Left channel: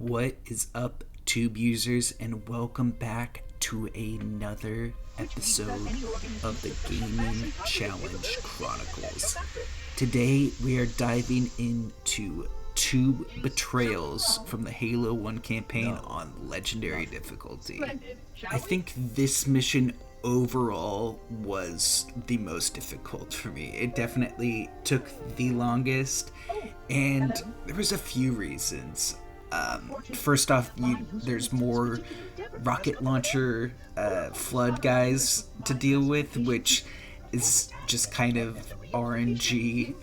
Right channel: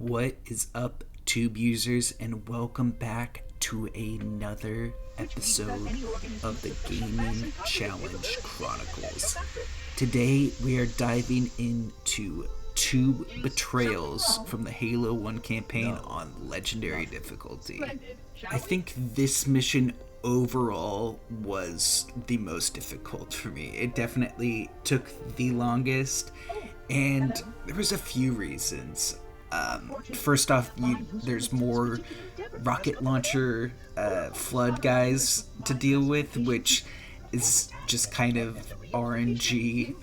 What is up, Tube users, and welcome back to another episode of the Gaming Challenge Chronicles. Today we are diving into two betrayals from the Halo 1 campaign on Legendary difficulty. I think this mission overall was the most difficult for me. It definitely took the longest, and there was a few reasons. First off, there's more rocket launcher flood guys to deal with, which is just kind of RNG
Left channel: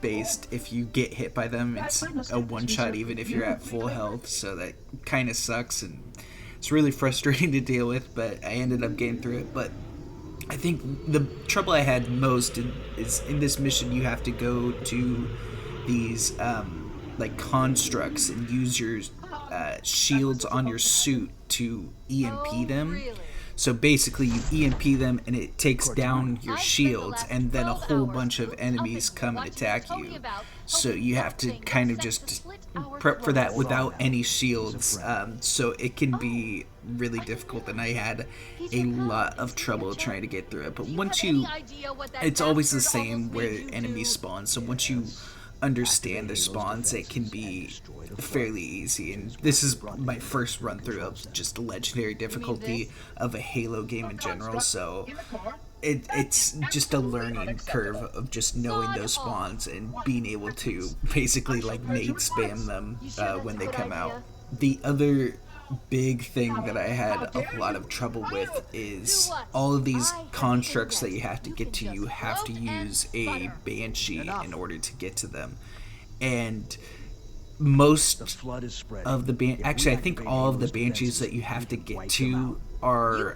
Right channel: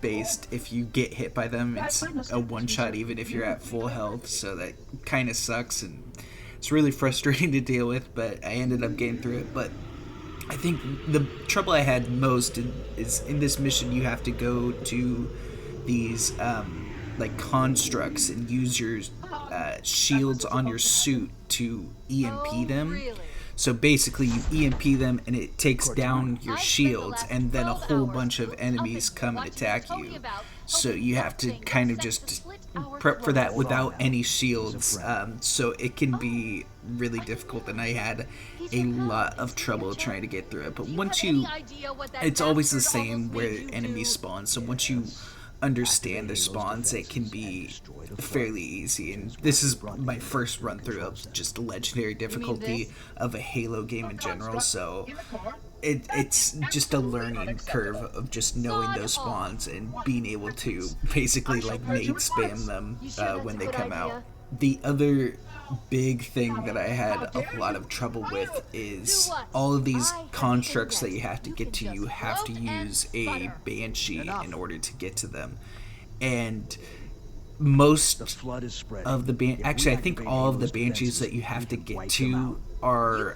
based. If you get hit by them, it's a one-shot even if you're at full health, so that kind of sucks, and it's really frustrating to deal with, but I ended up getting through it. But I think the trouble I had most is in this mission you have to go to these like constructs and use your shields on your suit to EMP them. So basically you EMP them and it takes down your shields, and then a whole bunch of enemies come and attack you. So you have to kind of just prep for that without any shields. So it can be really difficult, and I had a lot of trouble trying to get through it. But once it's always the same where enemies spawn. So once you understand the spawns, it can be fairly easy, and this is my first run through of just legendary difficulty of a Halo game in general, so it's just a learning curve of just knowing those spawns and being able to basically like nade spam them when they come out. The other big thing that I had a lot of trouble with is all of these constructs that you have to get to. You have to use a Banshee in order to get to them, and most of the actually I think all of the Banshees that you have to get to are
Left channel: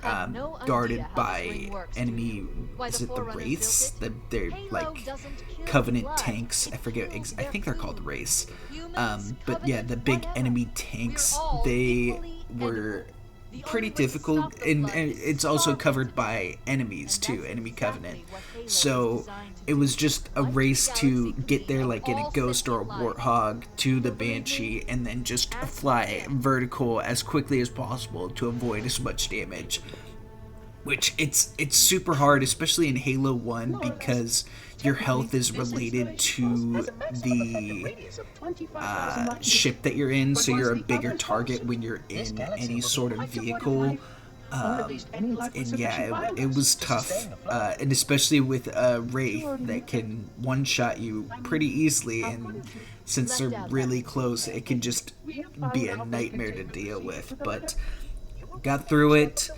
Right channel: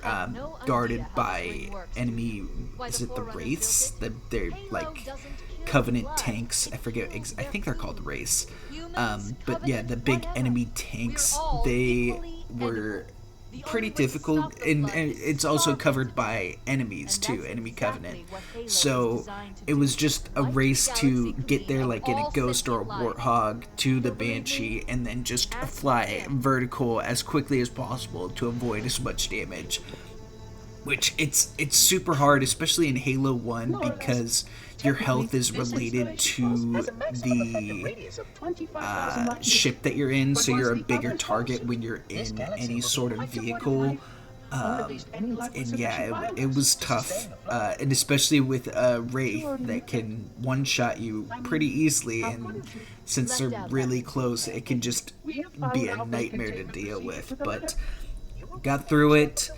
guarded by enemy. Is it the Wraiths? They're like Covenant tanks. I forget. I think they're called Wraiths. But yeah, the big enemy tanks, they were pretty difficult, and it's also covered by enemies too, enemy Covenant. So it was just a race to get there like in a Ghost or a Warthog to the Banshee, and then just fly vertical as quickly as possible to avoid as much damage. Which it's super hard, especially in Halo 1, because your health is related to the ship that you're in, so you're a bigger target when you're in any sort of vehicle. And yeah, it was tough, and especially with a Wraith that can one-shot you pretty easily, and since they're really close, it can just be a nightmare to deal with. But got through it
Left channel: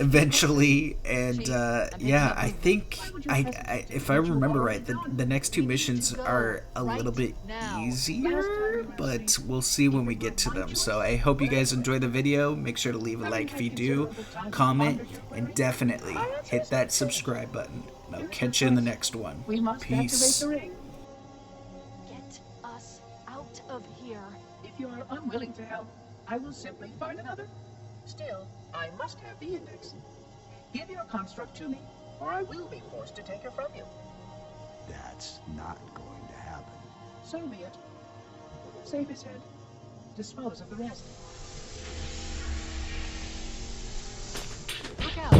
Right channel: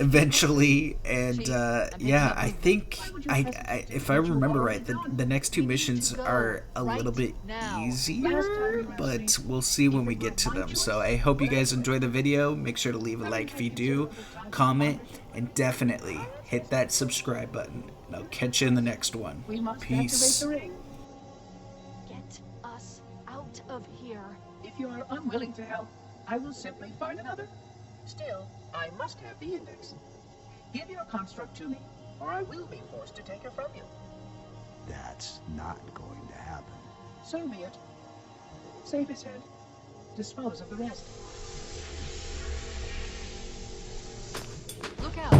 eventually, and yeah, I think I if I remember right, the next two missions are a little bit easier, but we'll see when we get to them. So I hope you guys enjoy the video. Make sure to leave a like if you do, comment, and definitely hit that subscribe button. And I'll catch you in the next one. Peace. Get us out of here. If you are unwilling to help, I will simply find another. Still, I must have the index. Give your construct to me, or I will be forced to take her from you. That's not going to happen. So be it. Save his head. Dispose of the rest. Look out.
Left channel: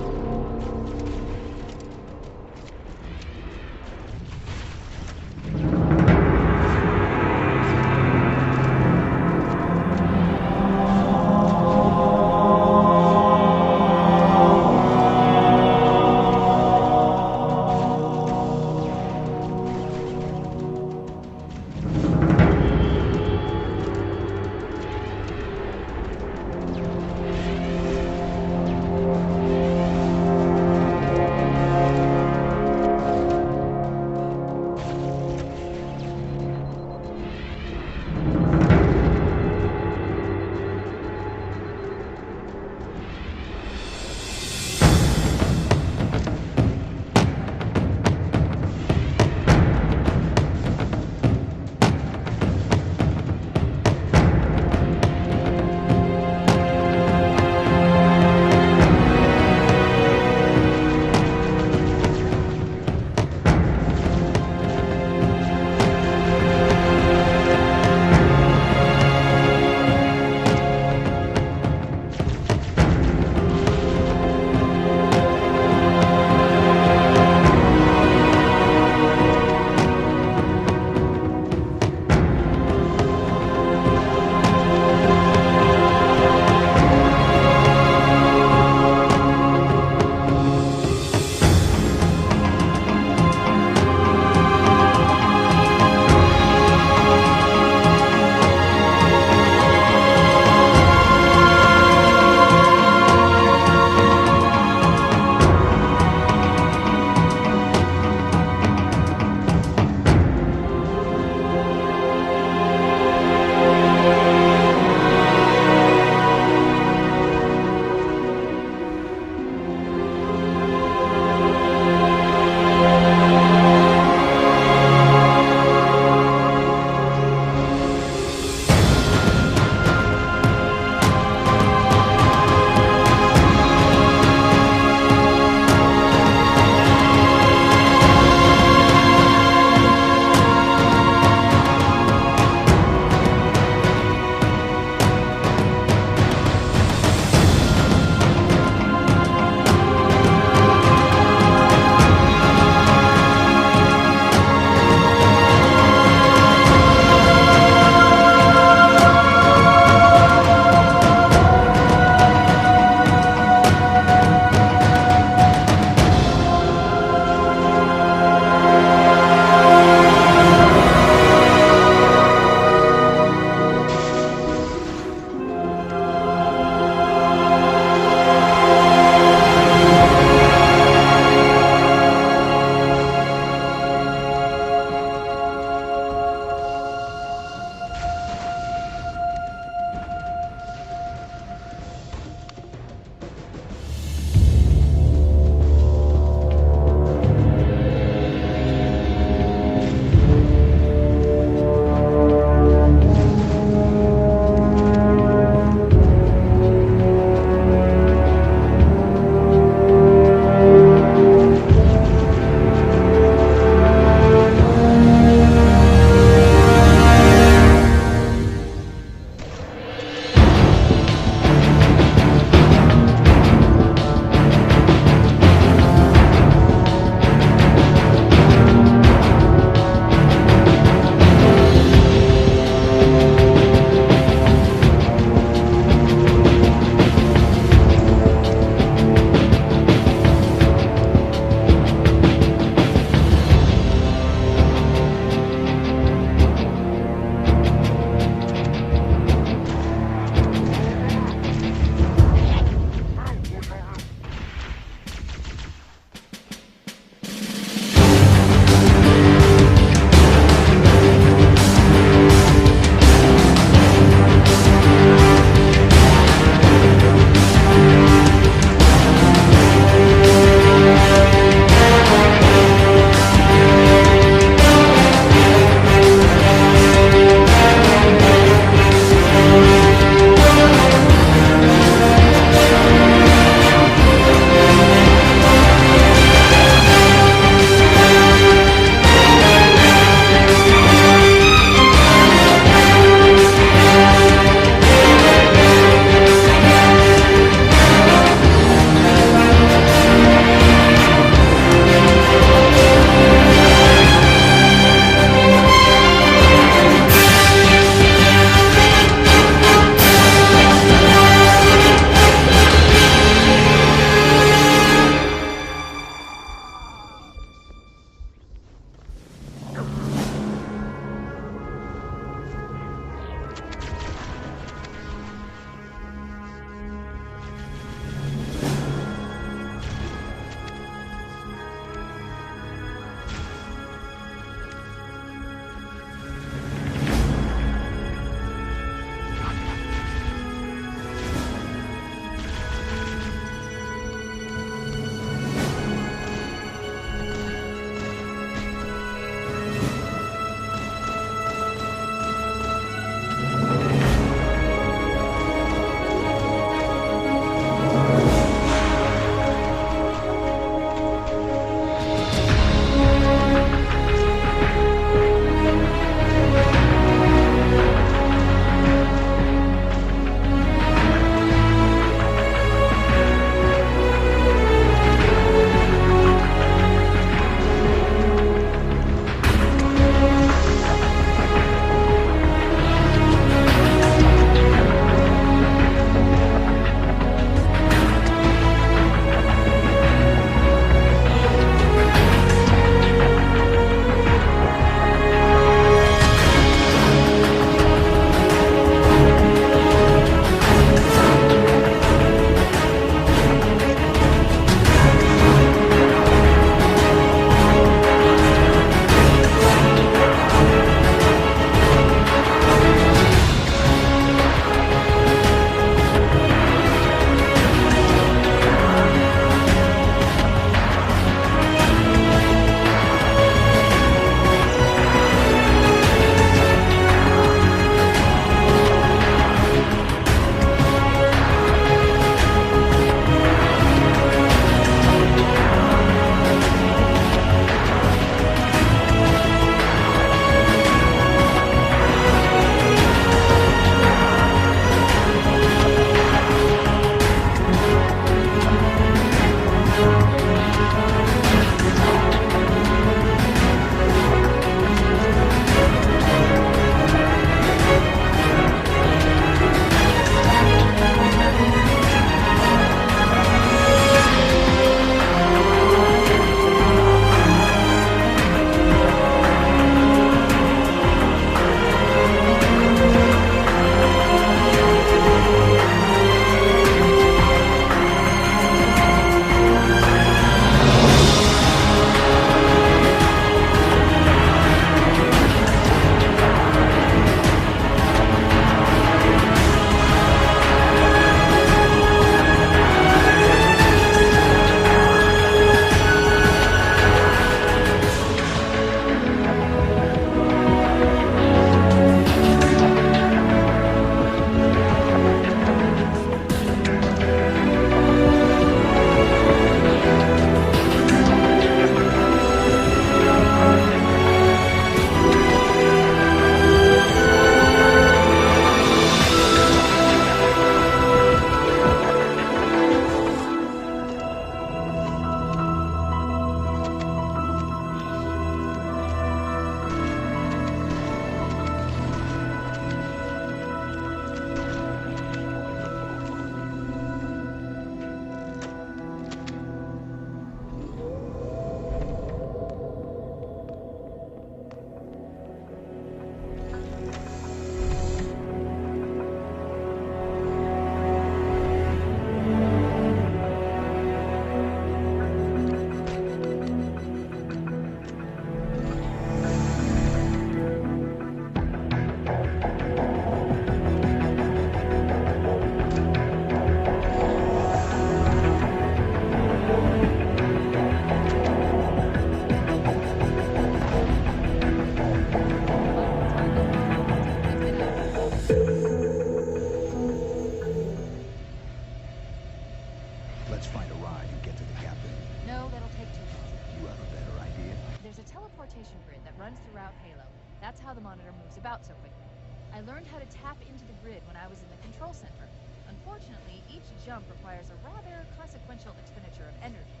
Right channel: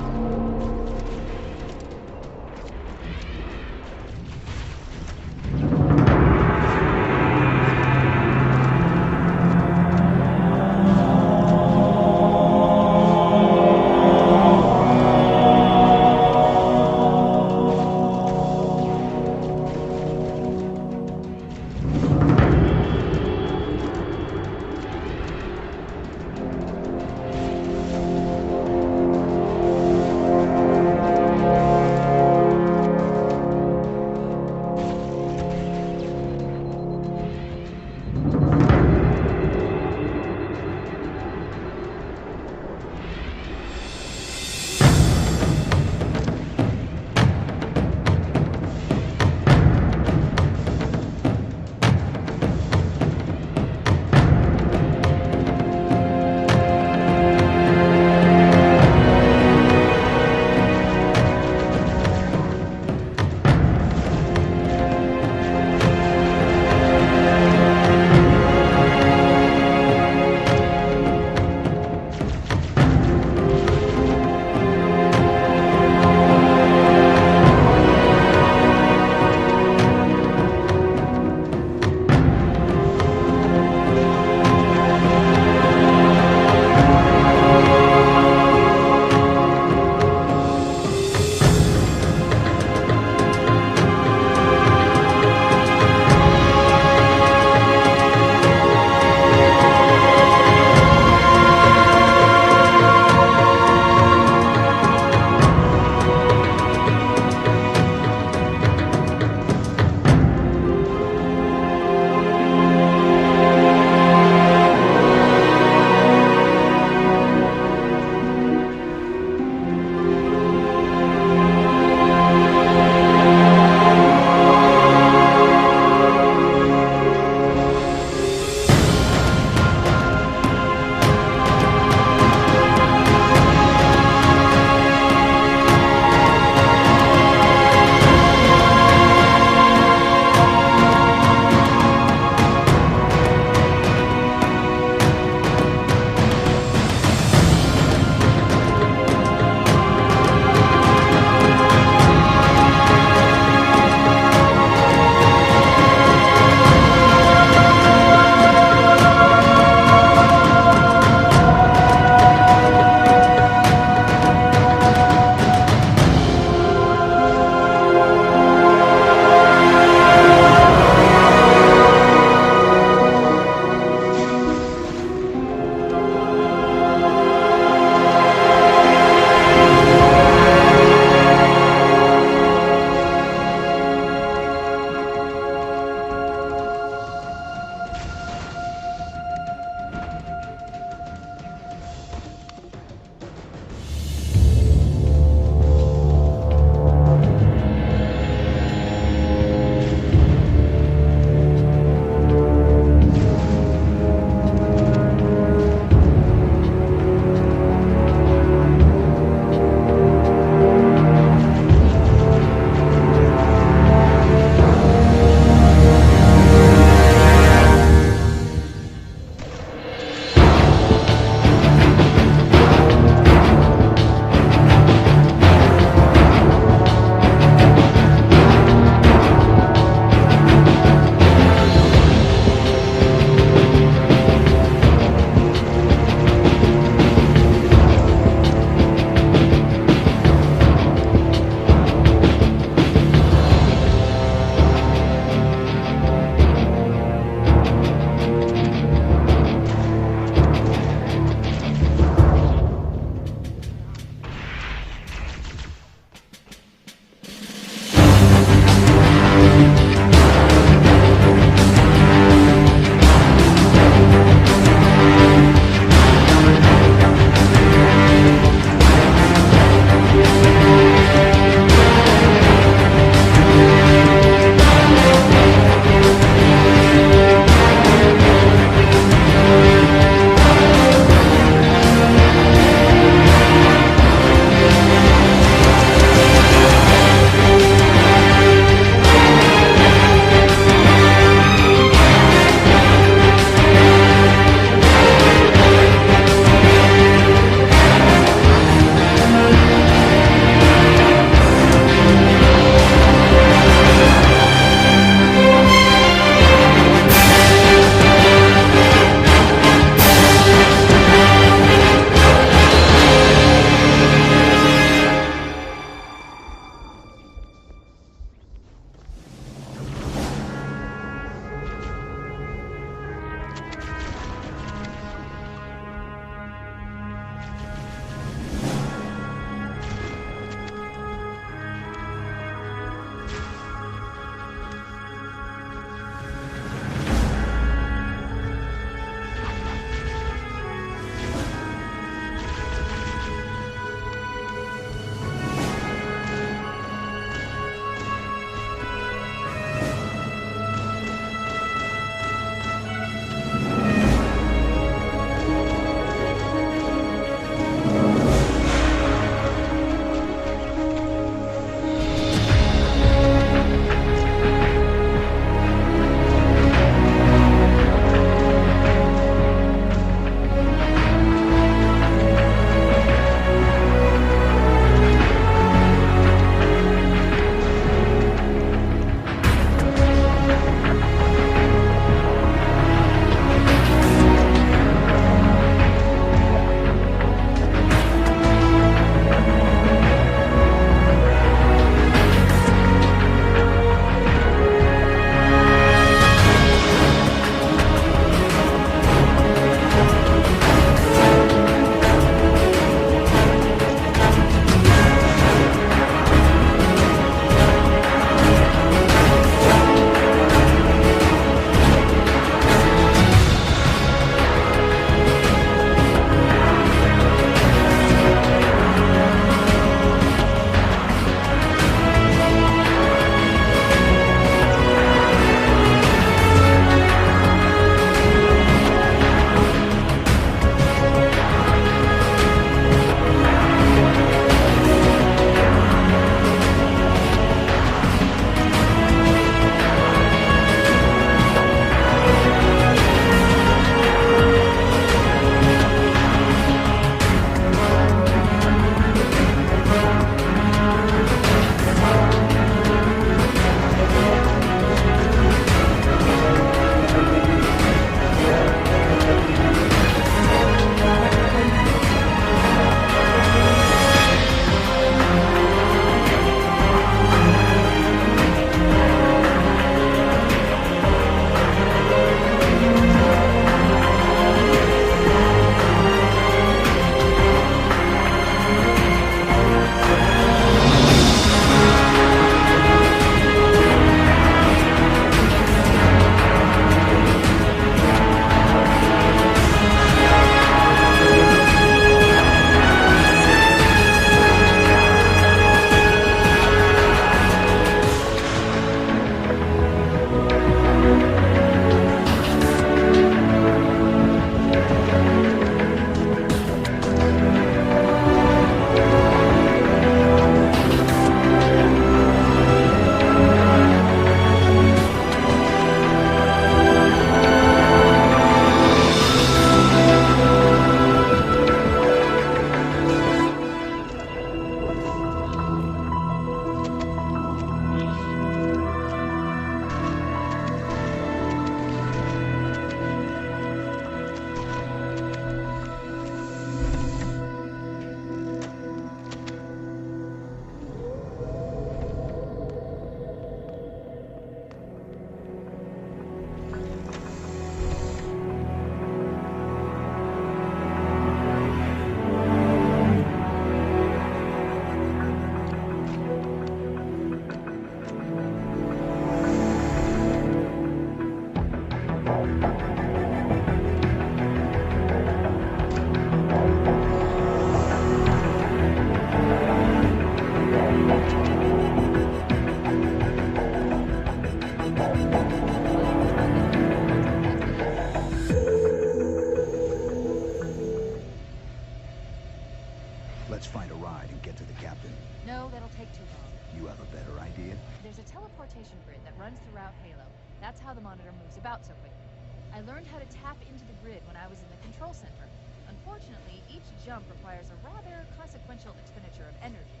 Let's find a ride and get to the captain. No, that'll take too long. You have a better idea? There's a teleportation grid that runs throughout Halo. That's how the monitor moves about so quickly. I learned how to tap into the grid when I was in the control center. Unfortunately, each jump requires a rather consequential expenditure of energy.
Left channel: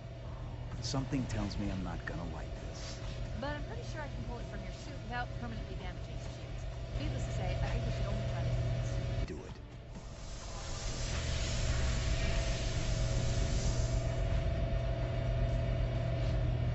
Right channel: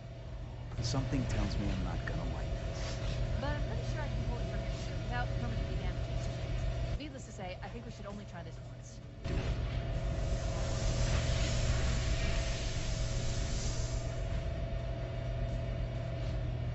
Something tells me I'm not gonna like